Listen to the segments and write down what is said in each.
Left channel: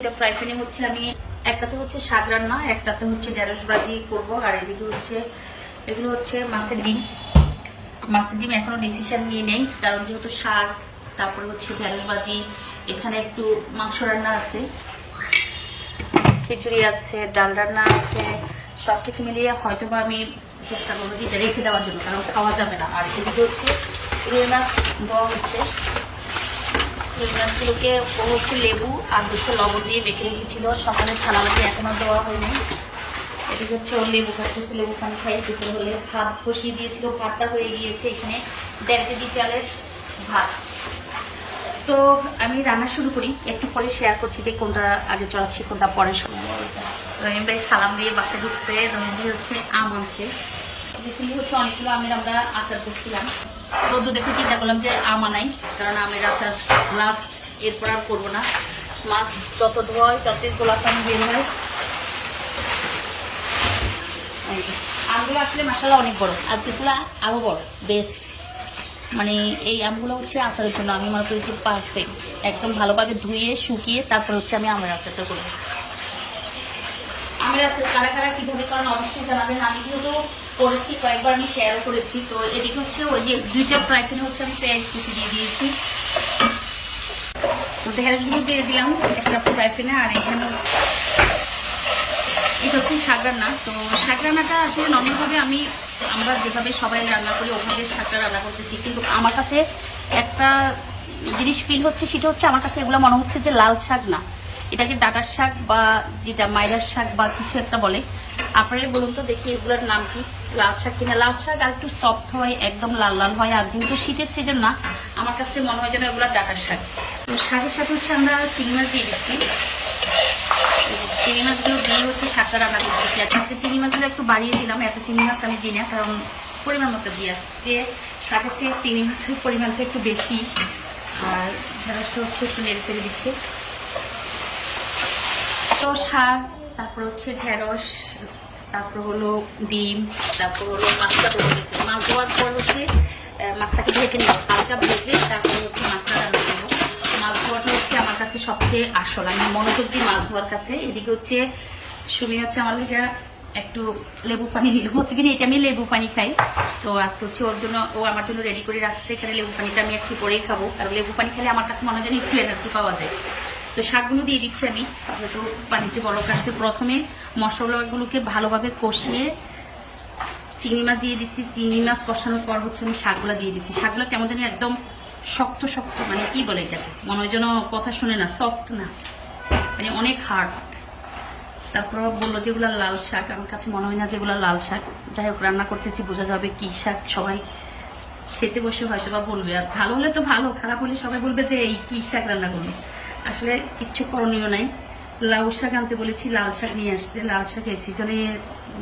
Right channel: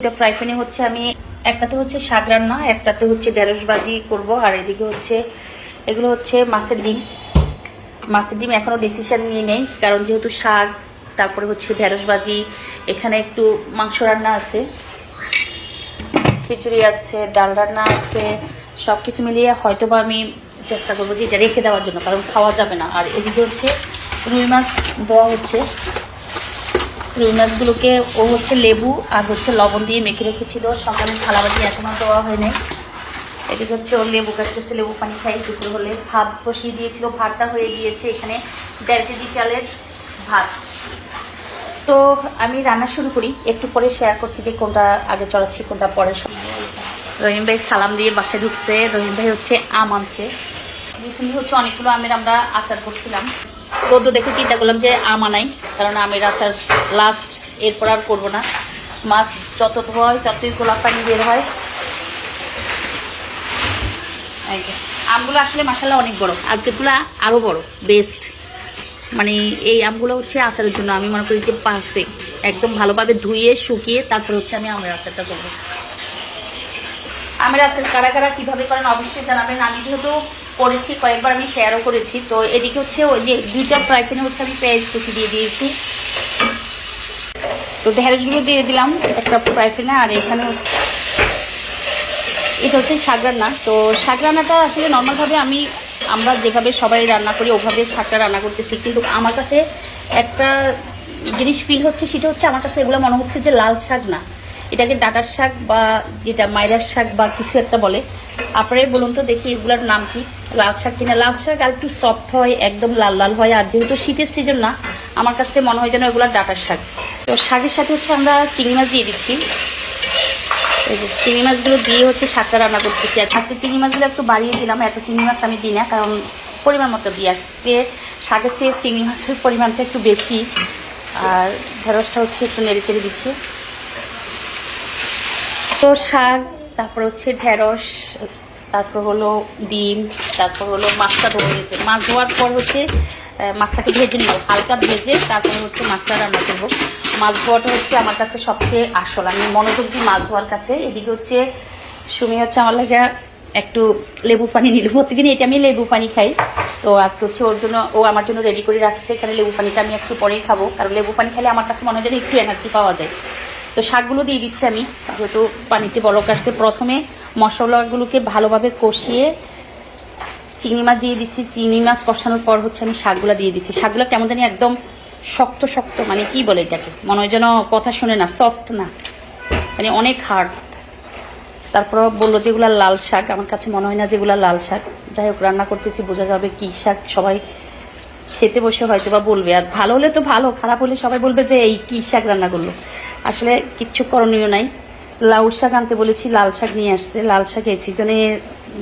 এটা ফ্রাই প্যানে হচ্ছে আমি, একটাতে হচ্ছে শাক রান্না, একটাতে হচ্ছে ঢেঁড়স ভাজি করব, আর এদিকে হচ্ছে, এগুলো হচ্ছে মাছের ডিম। মাছের ডিম এখনও ডিসিশন নিয়ে নেই, কারণ যেহেতু শাক, তারপরে হচ্ছে ঢেঁড়স ভাজি, এখানে একটু মাংস রান্না আছে। খিচুড়ি আছে, ডাল রান্না আছে সব কিছু মিলিয়ে হয়তো বা আমি চেষ্টা করব যে এটা রেখে দেওয়ার জন্য, কারণ খাওয়া যাবে না। আর এদিকে হচ্ছে রুই মাছ দেওয়া হচ্ছে। রুই মাছগুলোকে ও হচ্ছে লেবু আর হচ্ছে লবণ দিয়ে মেখে রেখেছিল। সকালে থালাবাটি এখনও দেওয়া হয়নি। এদিকে হচ্ছে ওর লেবু কাটতেছে, লেবু পানি খাই দুপুর হলে ভাত বসিয়ে দিয়েছিল। ভাতটা হয়ে গিয়েছে এখানে দেড় কেজি চালের ভাত। তো আমি রান্না শুরু করি, একটু পরে শেয়ার করছি যে কোনটা আগে চড়াচ্ছি, কোনটা পরে রহিম ভাই সালাম দিয়ে বাসায় ঢুকছে। রহিম ভাই হচ্ছে আম আনছে। রিসেন্টলি হচ্ছে অনেকগুলো আমের আমরা আচার করছিলাম। রোদ্দ দেখে চিন্তা করলাম যে আম আনাই কারণ আমের আচার লাস্ট এরপর আর করব না। মাছ যত ধোয় ততই গোলাপ পানি বের হয়। আমগুলো আসলে মাসাল্লাহ অনেক বড়। আজকেরগুলো আরও বড় বেস্ট মানে এই আমগুলো হচ্ছে আচারের জন্য আমি মনে করি যে পারফেক্ট একদম ভালোভাবে ধুয়ে, শুকিয়ে, তারপর হচ্ছে আমি আমের আচারটা করব। আমের আচার কারা কারা কীভাবে করেন অবশ্যই জানাবেন। আমি যেহেতু করেছি, কয়েকবার আমি শেয়ারও করেছি। তো এদিকে হচ্ছে ওই যে দুইটা ফ্রাই প্যানে হচ্ছে আমি পেঁয়াজ কুচি দিয়ে দিয়েছি। তো ঢেঁড়সগুলো দিয়ে দিলাম একটা ফ্রাই প্যানে আর এখানে হচ্ছে এটা হচ্ছে শাক রান্না তো শাক রান্নাটা আসলে নর্মালভাবে আমি আমরা যেভাবে সবাই রান্না করি, ওভাবে শাকটা রান্না করতেছি। কিন্তু আমার কাছে একটা জিনিস ফিল হচ্ছে, সেটা হচ্ছে আমার কাছে এগুলো মনে হচ্ছে যে লাল শাক না। এটাকে ডাটার শাক বা যেটা মাইরার শাক বা কিছু একটা বলে। আপনারাই বলুন তো দেখি এগুলোর নাম কি, লাল শাক কিনা। লাল শাক আর একটু সফট হয়, একদম লাল লাল হয়। আর যেহেতু শীতের সিজন না, আমার কাছে মনে হয় যেন এগুলো ডাটার শাক। তো শাকের সাথে হচ্ছে আমরা চিংড়ি মাছ দিয়ে দিচ্ছি। চিংড়ি মাছগুলো দিয়ে হচ্ছে শাকটা রান্না করতেছি। আজকে চিংড়ি মাছগুলো একটু বাড়িয়ে দিলাম, এত চিংড়ি মাছ আমি দিই না, কারণ পরিমাণ মতো দিই। আজকে শাকের চেয়ে চিংড়ি মাছের পরিমাণটা একটু বেশি। আর ঢেঁড়সটা হচ্ছে একটু নেড়ে চেড়ে দিচ্ছি। তো শাক, তারপর হচ্ছে ঢেঁড়স, তারপর হলো ডিম, তারপর হলো মাছটা ধোয়া হয়েছে মাছ ধোয়ার পর হচ্ছে মাছটাকে ভেজে নেব। হালকা ভেজে তারপর হচ্ছে মাছটা রান্না করব। মাছ ধোয়াটা হচ্ছে আমার কাছে সবচেয়ে আসল। আমি মনোযোগ দিই মাছ ধোয়ার কাছে। এদিকে হচ্ছে, সুমি হচ্ছে আমার লাগে একটু লেবু পানি নিল। প্রতিদিন এটা আমি লেবু পানি খাই। তো আজকে হচ্ছে ওর জন্য, ও আমার জন্য রেডি করে রাখছে। এখানে লেবু পানিটা আমি একটু পরেই খাব। কারণ লেবু পানি খেলে আমার কাছে মনে হয় যেন একটু এনার্জি পাওয়া যায়। তো শাকগুলো দিয়ে দিচ্ছি আমি, যেহেতু পানিতে বরক আসছে। প্রথমে মশলাগুলোকে ভালোভাবে কষিয়ে চিংড়ি মাছ দিয়ে দিচ্ছি। চিংড়ি মাছ কষানোর পর হচ্ছে আমি শাকগুলো দিয়ে দিচ্ছি। শাকগুলো কেমন জানি একদম শক্ত শক্ত মানে কি বলে এটাকে? মনে হয় যেন কথা শুনে না সফট না। মানে অনেক হার্ড তারপর বলল যেগুলো লাল শাক। আমার কাছে মনে হয় না যেগুলো লাল শাক। যাই হোক, রান্না করতেছি, বোঝা যাবে কি শাক সবাই খেতে বসে হয়তো বা বলবে। আর ভালো হলে তো ভালো, খারাপ হলে সবাই বলবে যে এই কি শাক রান্না করল? আসলে কিচ্ছু করণীয় নাই। লাউ শাক আনতে বলেছি, লাল শাক নিয়ে আসছে। লাল শাক এই সিজনে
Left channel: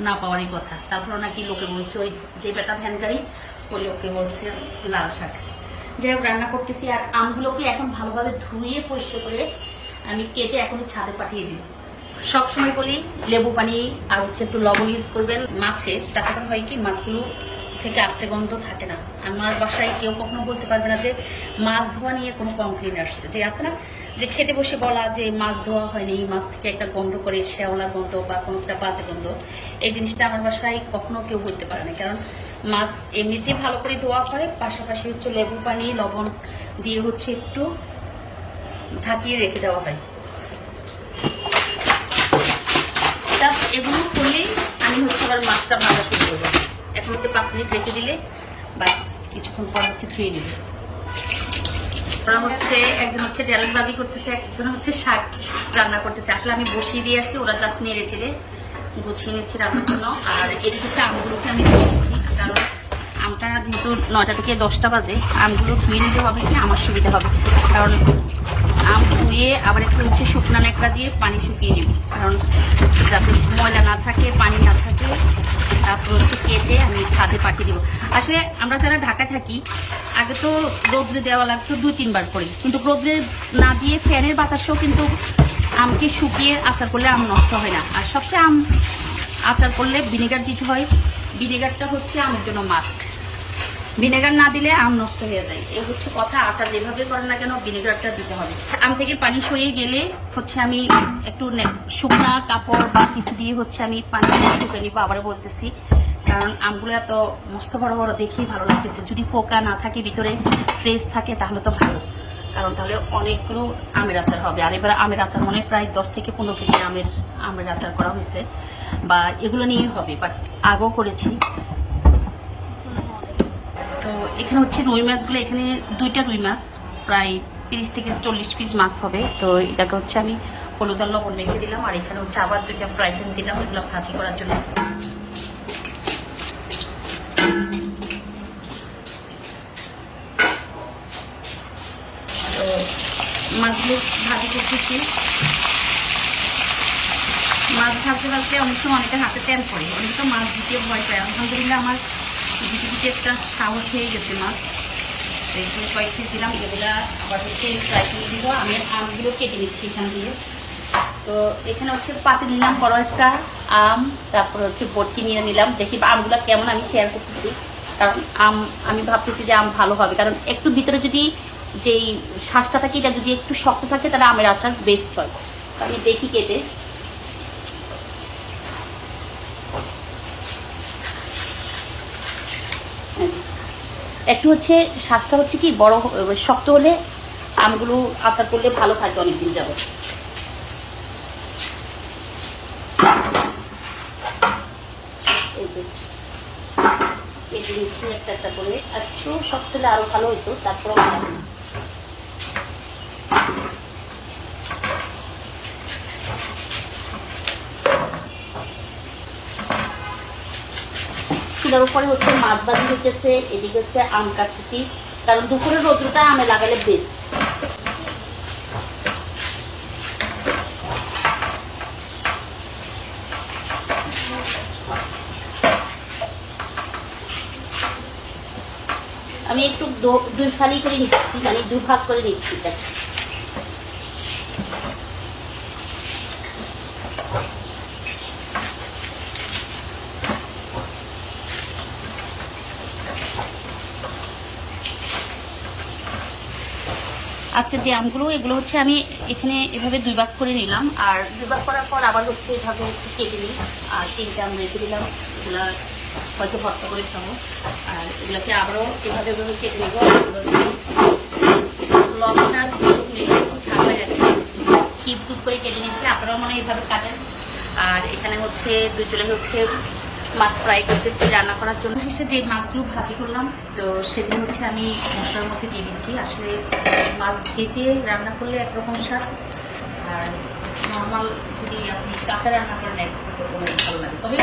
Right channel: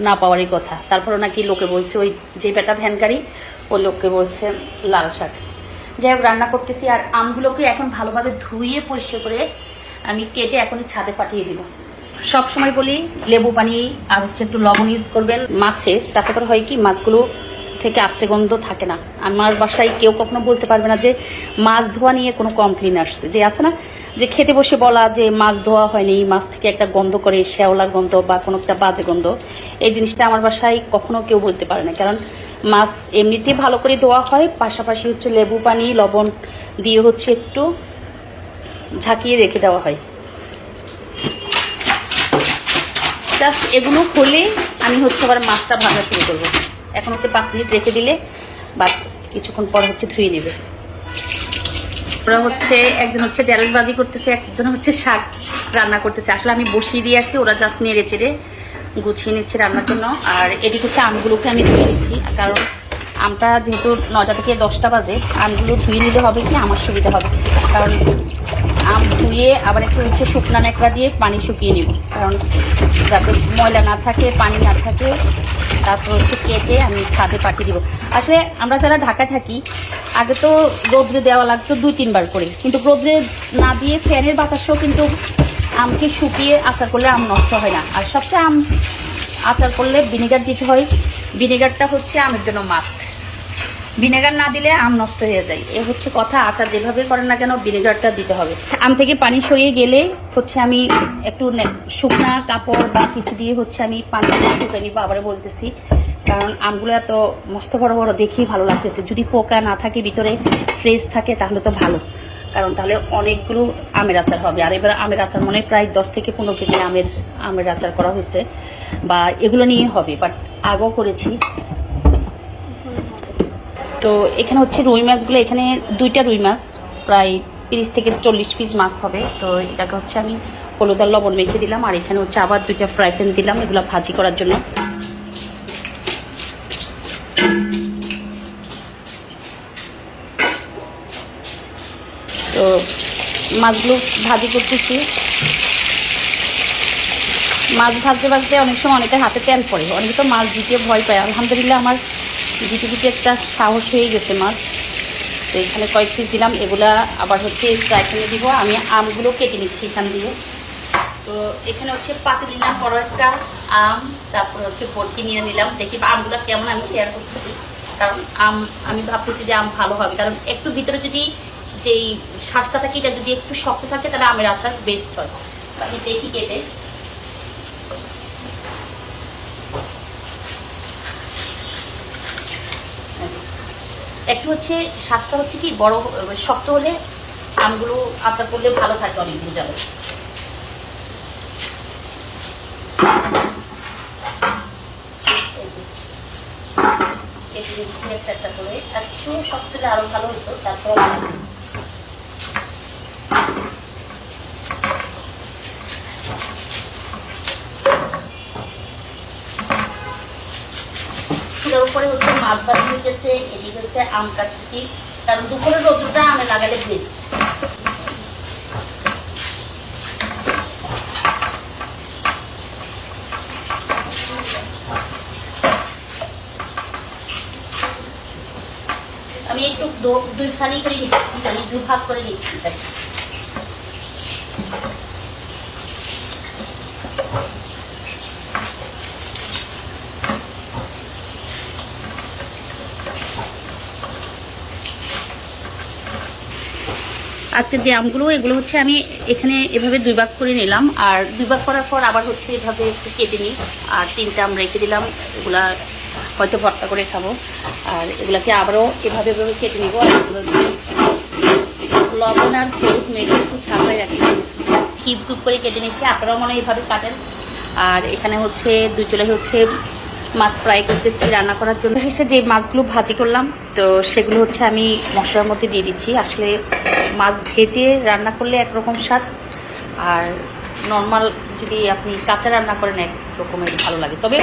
না পাওয়ারই কথা। তারপরও নাকি লোকে বলছে, ওই যে বেটা ভ্যানকারি, ও লোককে বলছে লাল শাক। যাই হোক, রান্না করতেছি আর আমগুলোকে এখন ভালোভাবে ধুয়ে পরিষ্কার করে আমি কেটে এখনই ছাদে পাঠিয়ে দিব। সবসময় বলি, লেবু পানি আর হচ্ছে একটু লবণ ইউজ করবেন। মাছের তাতে করে হয় কি, মাছগুলো থেকে আস্তে গন্ধ থাকে না। আমার বাসায় কেউ কখনো বলতে পারবে না যে, মাছ ধোয়া নিয়ে কোনো কমপ্লেন আসছে। যে আছে না যে খেতে বসে বলা যে মাছ ধোয়া হয়নি মাছ থেকে একটা গন্ধ করে শ্যাওলার গন্ধ বা কোনো একটা বাজে গন্ধ, এই জিনিসটা আমার বাসায় কখনো কেউ বলতে পারে না। কারণ মাছ এমনিতেই ভালো করে ধোয়া হয়, পাশাপাশি হচ্ছে লেবু পানি, লবণ দিয়ে হচ্ছে একটু ঝাঁকিয়ে রেখে দেওয়া হয়। এগুলো হলে আমি হচ্ছে আবার মাছটা ভাজা শুরু করব। এখন হচ্ছে পাঁচ মিনিট রেখে দিলে বাস কিছুক্ষণ পর হচ্ছে ধুয়ে নেবে। ওরা হচ্ছে একজন হচ্ছে ঢেঁড়স বাজি করতেছে, একজন হচ্ছে শাক রান্না করতেছে। আসলে আমি বসিয়ে দিয়ে আসছি, ওরা জাস্ট নেড়ে চেড়ে গুছিয়ে নিচ্ছে রান্নার জন্য। আর এদিকে হচ্ছে আমগুলোকে আমি কারণ আমটা যেহেতু নয়টা থেকে দশটা বাজে, আমগুলো ধুয়ে নিলে হবে কি, আমার সুবিধা হবে। কারণ আম ধুয়ে আবার একটু হচ্ছে শুকনা ন্যাকড়া দিয়ে পানি শুকিয়ে নিব। কারণ যাতে ময়লা না থাকে, পানি না থাকে, তারপর হচ্ছে কেটে আমি ছাদে পাঠিয়ে দিব। আসলে আমরা যারা ঢাকায় থাকি, আগে তো রোদ্রে দেওয়া লাগতো দুই, তিনবার করে। কিন্তু রোদ্রে না দিয়ে ফ্যানের বাতাসও কিন্তু আমকে শুকিয়ে আচার করলে আম নষ্ট হয় না। আর সবচেয়ে আম আচার করলে ভিনেগার দিতে হয়। ভিনেগারটা হচ্ছে আমের জন্য মাস্ট ভিনেগার না দিলে আম নষ্ট হয়ে যায়। এ হচ্ছে কথা, আচার যেভাবে করেন না কেন ভিনেগারটা দিতে হবে। আম থেকে পানি সরিয়ে গেলে হচ্ছে আমি একটু শুকনা কাপড় বা কিছু দিয়ে হচ্ছে আমি পানি শুকে নিবো আবার বলতেছি। কারণ আমগুলো এত মস্ত বড় বড় দেখেই ভালো লাগতেছে। যদি পোকা না থাকে, ভিতরে ফ্রেশ থাকে, তাহলে তো ভালো। কারণ তাহলে অনেকগুলো আমের আচার হবে। আর এবার আমের আচার মনে প্রায় দশ থেকে পনেরো কেজি আমের আমের আচার করা হয়েছে। বা এগুলো নিয়ে হবে বাট আগেও করেছি। তো এখানে হচ্ছে রুই মাছগুলো, এখানে দুইটা রুই মাছ, প্রায় তিরিশ থেকে চল্লিশ পিস মাছ হবে। তো এটাকে হচ্ছে আমি হলুদ আর লবণ মেখে দিলাম, আর এখানে হচ্ছে আবার দুইটা ফ্রাই প্যান দিলাম, এগুলো ভাজি করার জন্য। তো মাছগুলো ভাজি করতেছি। মাছ ভাজতে ভাজতে অনেক সময় অনেকের হাতে তেল পড়ে, অনেকে তো মাছ দিতে ভয় পায়। আলহামদুলিল্লাহ আমার দিতে একটা সাহস হয়ে গেছে মাছ। তো এখানে কয়েক পিস দিলাম, এগুলা আবার হচ্ছে ফ্রাইপ্যানে দিব। আমি আমগুলো কেটে নিচ্ছি এখান দিয়ে। তো এখানে হচ্ছে পাতি নিলাম বড় একটা আম, তারপর হচ্ছে বটকি নিয়ে নিলাম। দেখি আমগুলো কেমন, আমি শেয়ার করতেছি। কারণ আম, আমি ভাবতেছি যে আম ভালো হবে। কারণ একটু ভিতরে যদি যেই শ্বাসটা থাকে, এটা যদি একটু শক্ত থাকে, তাহলে আমের আচার বেস্ট হয়। আমি দেখি কেটে একটু হচ্ছে স্বাস্থ্য হচ্ছে কি বড় শক্ত হলে আমগুলো আচার করলে ভালো থাকে অনেকদিন যাব কেটে নিচ্ছি একটা একটা করে একটু শক্ত হলে আরও ভালো হতো তারপর শিলার উপরে হচ্ছে মাছ ভাজি হইতেছে, এদিকে হচ্ছে আম কাটতেছি। কারণ দুপুরের রোদটা আমে লাগালে বেস্ট আমি একটু দুই ফালি করে নিচ্ছি মানে দু ভাগ করে নিচ্ছি আজকে যে আমগুলো, এগুলো হচ্ছে আমি এখানে এভাবে দুই ভাগ করে নিলাম। আর দুই ভাগ করার পর আবার হচ্ছে এভাবে একটু কেটে নিই। আর তিনটা আম রেখে দিলাম। এগুলা হয়তো ভর্তা করে খাব। আর এগুলাকে আবারও এভাবে এভাবে কেটে নিব। লবণ আর একটু কিউব কিউব করে কেটে নিচ্ছি আপনারাও মনে এইভাবে কাটেন। আর এখানে হচ্ছে, দুই চলে হচ্ছে মাছ ফ্রাই করতেছি, রান্না করার জন্য। শেষে যে মাছগুলো ভাজি করলাম, তো সেগুলো হচ্ছে আমি মশলার মধ্যে দিয়ে দিচ্ছি। আসলে মাছ ভেজে রান্না করলে একরকম স্বাদ, আর নর্মাল যদি আপনি কাঁচা রান্না করেন এক রকমের ভালো লাগে। তবে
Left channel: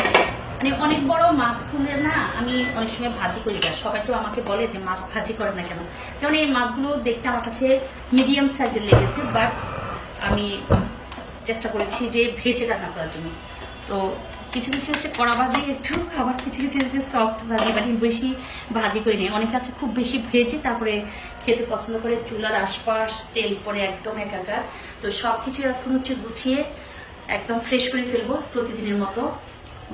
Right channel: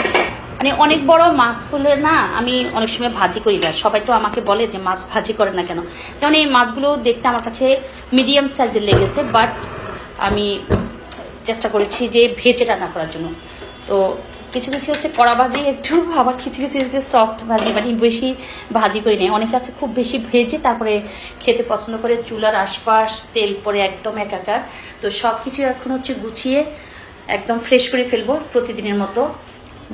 মানে অনেক বড় মাছ হলে না, আমি অনেক সময় ভাজি করি না। সবাই তো আমাকে বলে যে মাছ ভাজি করে না কেন? যেমন এই মাছগুলো দেখতে আমার কাছে মিডিয়াম সাইজের লেগেছে বাট আমি চেষ্টা করেছি যে ভেজে রান্না করার জন্য। তো কিছু কিছু হচ্ছে কড়া ভাজি, একটু আবার কিছু কিছু হচ্ছে সফট ভাজি মানে বেশি ভাজি করি নেই। অনেকে আছে খুব বেশি ভেজে তারপরে খেতে পছন্দ করে চুলার আশপাশ, তেল পরে একদম একাকার। তো সব কিছু এখন হচ্ছে গুছিয়ে একদম ফ্রেশ করে ফেলব প্রতিদিনের মতো।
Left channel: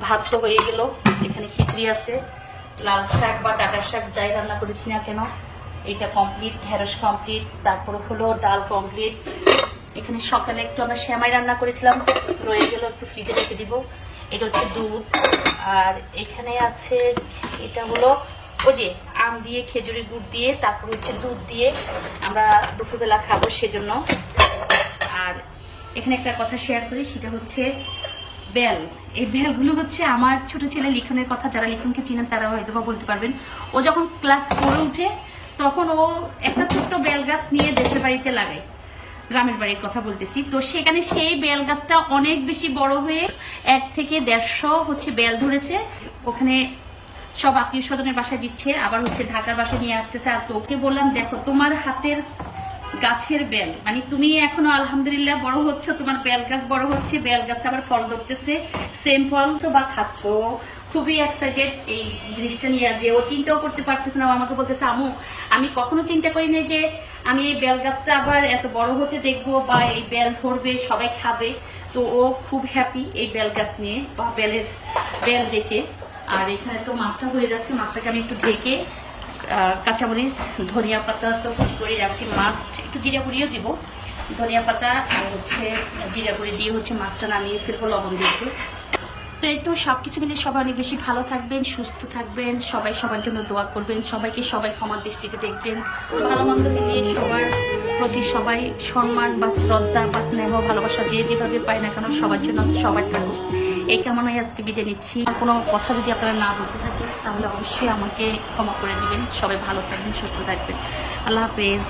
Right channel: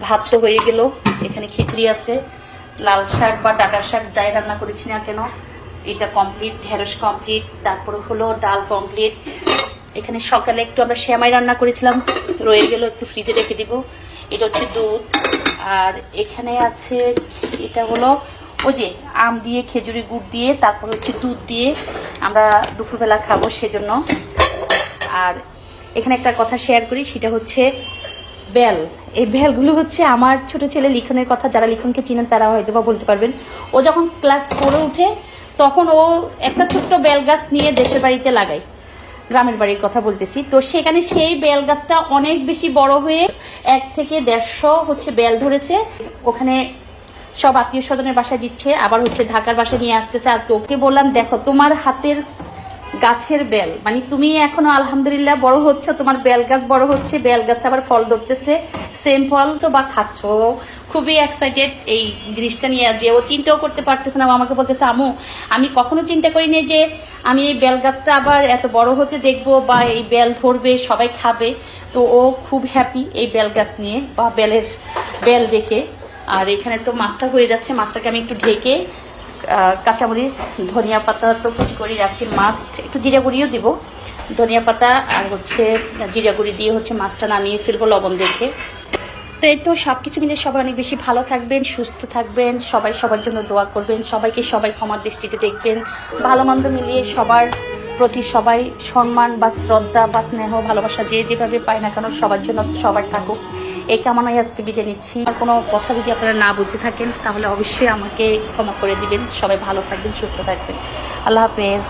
ভাত তো হয়ে গেল, এখানে খিচুড়ি আছে। লাল শাক বা ডাটার শাক যাই রান্না করেছি না কেন, এটা কমপ্লিট ঢেঁড়স কমপ্লিট তারপরে হলো ডাল কমপ্লিট এখানে সকালে একটু আমরা শ্যামাই রান্না করেছিলাম, রয়ে গেল, একটু ফ্রিজে রেখে দিব। এটা হচ্ছে দুধ। আর এখানে আছে, এটা হলো ওই যে আম দিয়ে খেজুরি গুড় দিয়ে, তারপর হচ্ছে দুধ দিয়ে আমরা দুপুরবেলা খাব সেজন্য। আর এখানে একটা কথা শেয়ার করি, সেটা হচ্ছে বেল। এই বেলগুলো হচ্ছে আমার ছোট ছেলে লিখনের কথা, যারা লিখনকে চিনেন তারা হয়তো বা বলতে পারবেন। ও যখন ক্লাস ফোরে উঠে, তখন ও একটা ছোট্ট বেল গাছ নিয়ে দেশের বাড়িতে লাগায়। গ্রামের বাড়ির কথা বলতেছি। তো সেখানে সেই বেল গাছটা অনেক বেশি বড় হয়ে এক থেকে দেড়শো হচ্ছে বেল ধরেছে। ওখানে সব আত্মীয় স্বজনের বাসায় দিচ্ছে, আবার হচ্ছে ঢাকার বাসায় নিয়ে আসতেছে। আজকে ওকে বললাম, দেখো, তোমার হাতের গাছের বেল মানে তুমি এখনও আলহামদুলিল্লাহ বড় হচ্ছ, তোমার বেল গাছ বড় হচ্ছে, বেল গাছে আবার ফল ধরতেছে, সেম ফল তো বা খাচ্ছ। খুবই এক্সাইটেড এই জিনিসটা নিয়ে যে ও চিন্তাও করতে পারতেছে না আমাকে বলতেছে, আমু, আমি কখনো চিন্তা করিনি যে আমি এই বেল গাছটা আবার এত বড় হতে দেখব বা এই বেল ধরবে, সবাই খাবে। তো ও খুব হ্যাপি এই বেল গাছ নিয়ে বা বেলের বেল দেখে। আর এখানে তো মাছটা হয়ে যাচ্ছে, মাছটাকে আমি একটু ঢেকে কাঁচামরিচ, ধনিয়া পাতা তো কুচি করে রাখছি। মাছ একটু জিরা গুঁড়িও দিব। ধনিয়া পাতা আর হচ্ছে জিরা গুঁড়ি দিয়ে হচ্ছে মাছটা নামিয়ে ফেলব লবণ দেখে। তো এই তো সব কিছু মিলে সবাই অনেক বেশি ভালো থাকবেন, সুস্থ থাকবেন, সবাই সবার জন্য দোয়া করবেন, সবাইকে সবাই ক্ষমার দৃষ্টিতে দেখবেন। ভালো মন্দ মিলিয়ে সবার প্রতি সবাই সম্মান বা শ্রদ্ধা বা স্নেহ, ভালোবাসা যে যেভাবে পায় না কেন সবার জন্য সবাই থাকুক। এই কামনায় আজকে বিদায় নিচ্ছি। আর কোনো কথা যদি আপনারা না বুঝে থাকেন, তাহলে অবশ্যই আমাকে ক্ষমা করে দিবেন। সবাই ভালো থাকবেন, সুস্থ থাকবেন। আল্লাহ হাফেজ।